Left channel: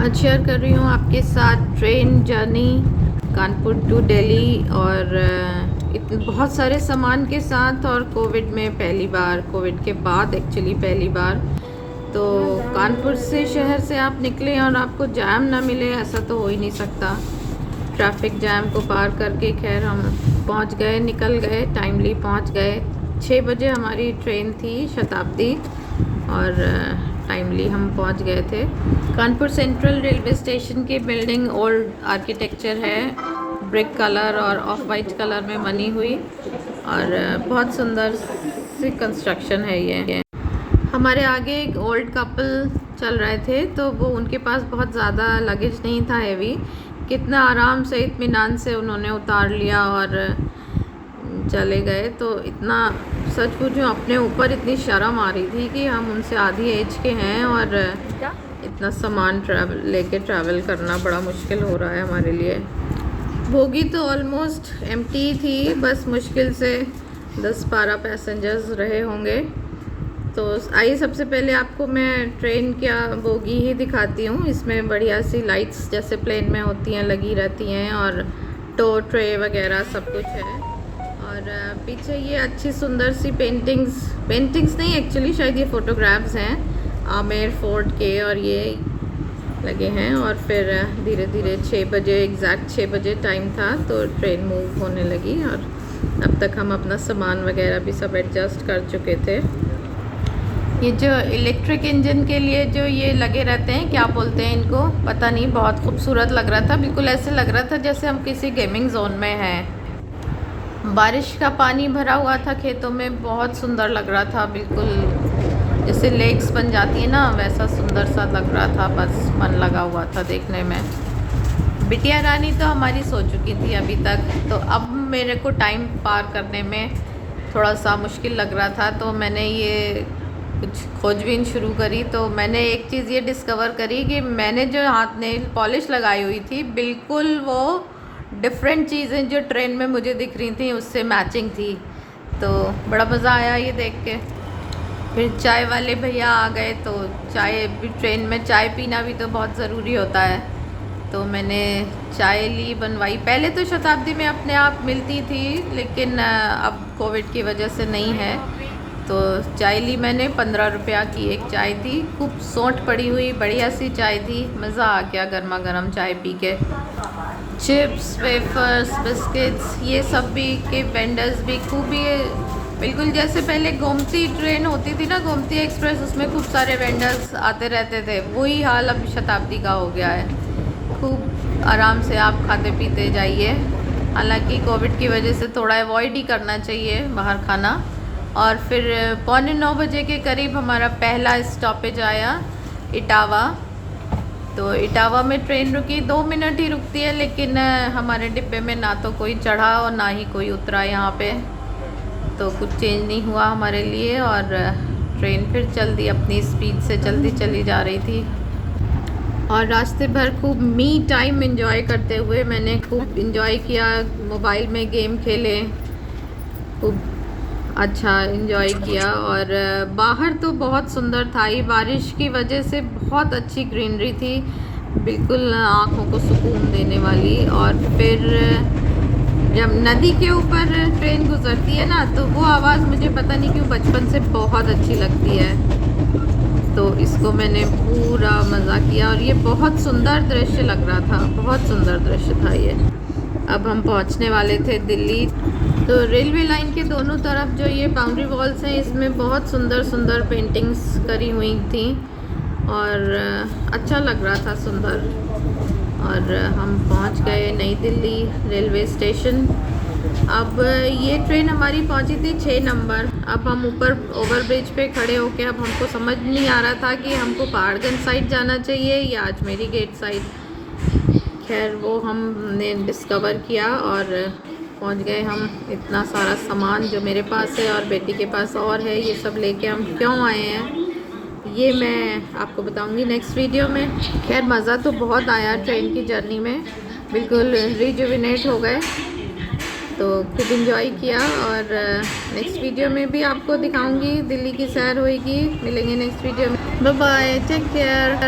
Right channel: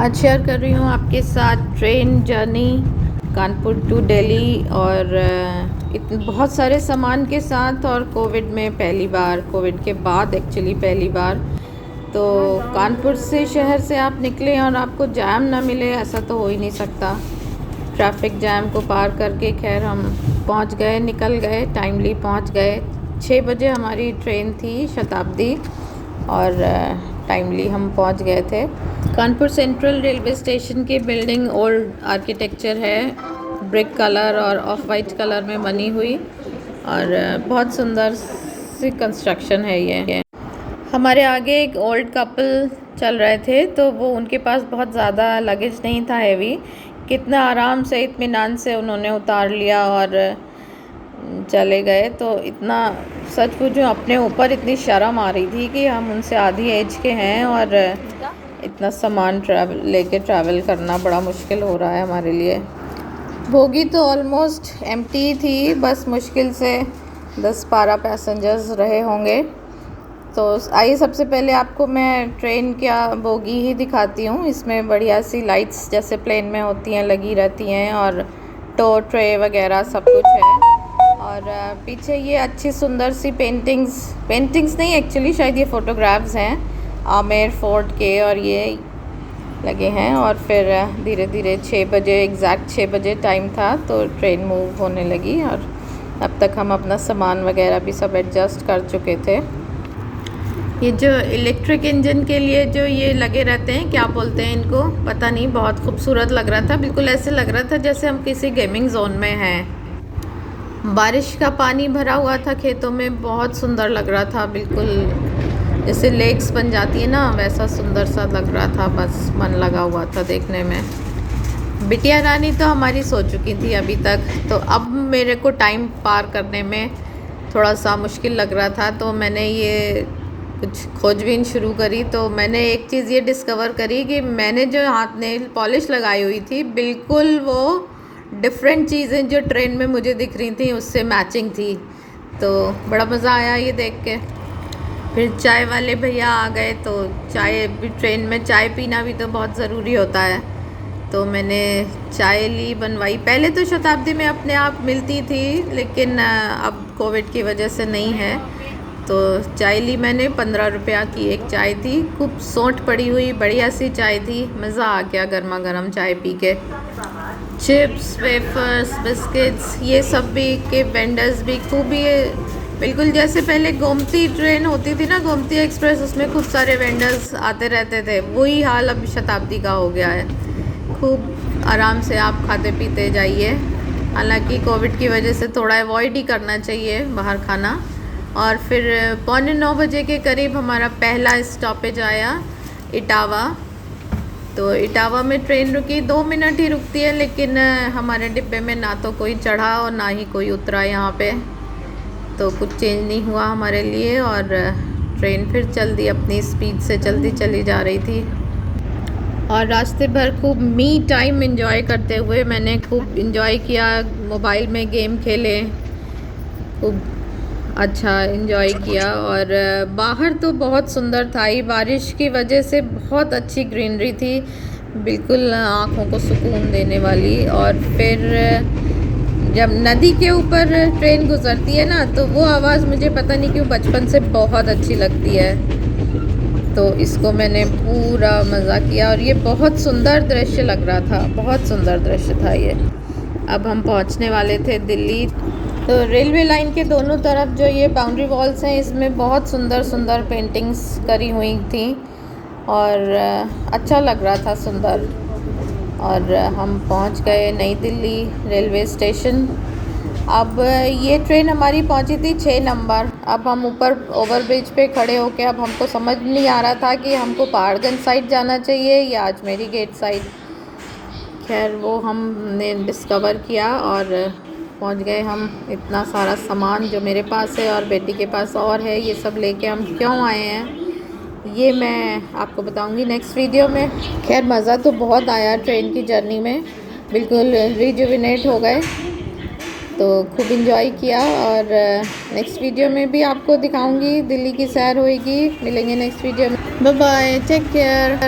आज शेयर कर रही हूँ आपके साथ train journey Kanpur to Delhi और इतने बहुत सारे सामान के साथ और कोविड में पहली बार, कोविड के बाद एक्चुअली पहली बार। तो कानपुर से शहर से आप निकले और आपको जैम ना मिले ऐसा तो हो ही नहीं सकता। ट्रैफिक जैम को पार करके खैर हम पहुँच गए, निकल गए, टाइमली पहुँच गए। 6 बजे हमारी ट्रेन थी शताब्दी और टाइमली हम पहुंच गए थे। कानपुर सेंट्रल रेलवे स्टेशन की बिल्डिंग ओल्ड आर्किटेक्चर है, ब्रिक कलर और ऑफ वाइट कलर में बनी हुई और बहुत सुंदर सी कंस्ट्रक्शन है ये। हमारे आगे एक ओल्ड कपल चल रहे थे तो वो उनके पास बहुत ज़्यादा लगेज नहीं था हैवी, कितना आराम से इत्मीनान से उन्होंने उतार लिया और चले गए। तो इतना सच पूछूं अपने ऊपर इतनी शर्म आ रही थी कि हम उनसे आधी एज के हैं और इतना सामान लेके ट्रैवल करना बड़ा मुश्किल हो रहा है हमारे लिए। बोगी तो ऑलमोस्ट एम्प्टी थी, बस मुश्किल से 10-12 पैसेंजर्स रहे होंगे। तो आइए सबसे पहले आपको मैं ट्रेन का बोगी ही दिखाती हूँ। इसमें बढ़िया सी लाइट्स जैसे प्लेन में होती हैं लगी रहती हैं और टो ट्रे वगैरह सब कुछ है। और पीछे ये अच्छी सुंदर सी पेंटिंग्स नहीं एक्चुअली शायद ये फ़ोटोग्राफ्स हैं आमेर फोर्ट के और ये लगे हैं। और फिर धीरे धीरे 6 बजे एग्जैक्ट 6 बजे टाइम था तो ट्रेन मूव होने लगी और अब तक हम अपना सामान वगैरह भी सब एडजस्ट कर चुके थे। ये जो इलेक्ट्रिक इंजन के लिए जो ये लगे रहते हैं क्या बोलते हैं इनको पता नहीं, बहुत खूबसूरत लग रहा था। बिल्कुल ऐसे लग रहा था जैसे हम किसी गेमिंग जोन में हैं। बारिश का पानी भरा हुआ था खेतों में, बहुत सुंदर लग रहा था, बिल्कुल जैसे लेक्स बन जाती है ना वैसा सुंदर सा लग रहा था। बस मन लगा हुआ था देखने में। बिटिया रानी तो हमारी सो चुकी थी अभी तक, तो अब मेरे को टाइम पार करने में थोड़ा सा मुश्किल लग रहा था। तो मैंने ये कुछ खोजबीन शुरू करी तो मैंने एक चीज़ ये डिस्कवर करी कि मैंने जो हाथ नेल पॉलिश लगाई हुई थी बिल्कुल वो डिफरेंट चीज़ें जो ट्रेन में मुझे दिख रही थी उससे मैचिंग थी। तो बड़ा मज़ा आया ये देख के। फिर चाय वाले भैया आ गए तो चाय भी, ट्रेन में चाय पीना भी तो बहुत ज़रूरी होता है। तो मैंने चाय ली, बनवाई। पहले तो शताब्दी में अपने आप मिलती थी लेकिन अब कोविड की वजह से नहीं है। तो चाय ली मैंने, 15 रुपया की एक चाय थी, खूब सौंठ पड़ी हुई बढ़िया सी चाय थी। मज़ा आ गया गर्मा गर्म चाय पी के। चिप्स, वेफर्स, बिस्किट्स ये सब भी के वेंडर्स भी खूब, ये बिल्कुल जैसे पहले गोमती ट्रेन होती थी ना, गोमती एक्सप्रेस, उसमें खूब सारे वेंडर्स आते रहते थे, वही हाल अब शताब्दी का हो गया है। खूब आराम से आप खाते पीते जाइए। हालांकि कोविड की वजह से थोड़ा अवॉइड ही करना चाहिए बाहर खाना। और फिर 8:45 बजे के करीब हमारा पहला स्टॉपेज आया इटावा। तो इटावा में ट्रेन रुकी, 2 मिनट ही रुकती है लेकिन हमारे डिब्बे में ना तो कोई चढ़ा और ना ही कोई उतरा यहाँ पे। तो कुछ चेंज नहीं हुआ हमारे लिए और ट्रेन फिर चल दी, अपनी स्पीड से चलती चली जा रही थी। और रास्ते भर खूब मी टाइम एंजॉय करते हुए मैंने खूब एंजॉय किया, मोबाइल में गेम खेले, खूब अच्छा एंजॉय किया। और बाहर तो बहुत सुंदर था ही, बारिश की वजह से बहुत अच्छी ग्रीनरी थी, बिल्कुल आँखों को सुकून देने वाली। और फिर जब नदी के ऊपर ट्रेन गुजरती है ना तो वो आवाज़ मुझे पता नहीं क्यों बचपन से बहुत अच्छी लगती है। तो इसको मैंने पूरा मज़ा किया और ये बहुत सुंदर दृश्य लग रहा था, बहुत सुंदर दृश्य था ये। अब हम पहुंचने वाले थे दिल्ली। तो रेलवे लाइन के दोनों तरफ जो ये बाउंड्री वॉल्स हैं इसमें बहुत सुंदर सुंदर पेंटिंग्स करी हुई थी और अच्छा लग रहा था, सुंदर। और हम पहुंच गए नई दिल्ली रेलवे स्टेशन। अब ये ट्रेन हमारी पहुंची थी 6 नंबर। अब हम ऊपर ओवरब्रिज पे खड़े होके अब हमको समझ नहीं आ रहा था कि हमको पहाड़गंज साइड जाना चाहिए या अजमेरी गेट साइड। खैर वो हमने डिस्कवर किया और पहुंच गए हम। इतना सारा सामान जो मेरे पास है और बेटी के पास और है, ये सब लेके हम क्यों आए हैं ये मैं आपको बताऊंगी नेक्स्ट वीडियो में। खैर मज़ा तो बहुत आया ट्रेन की जर्नी में, बिल्कुल रिजुविनेट हो गए, तो खूब इंजॉय किया। और नेक्स्ट वीडियो में भी आपको दिखाऊंगी, दिल्ली की सैर होएगी। मिलेंगे नेक्स्ट वीडियो में, बाय बाय, टेक केयर।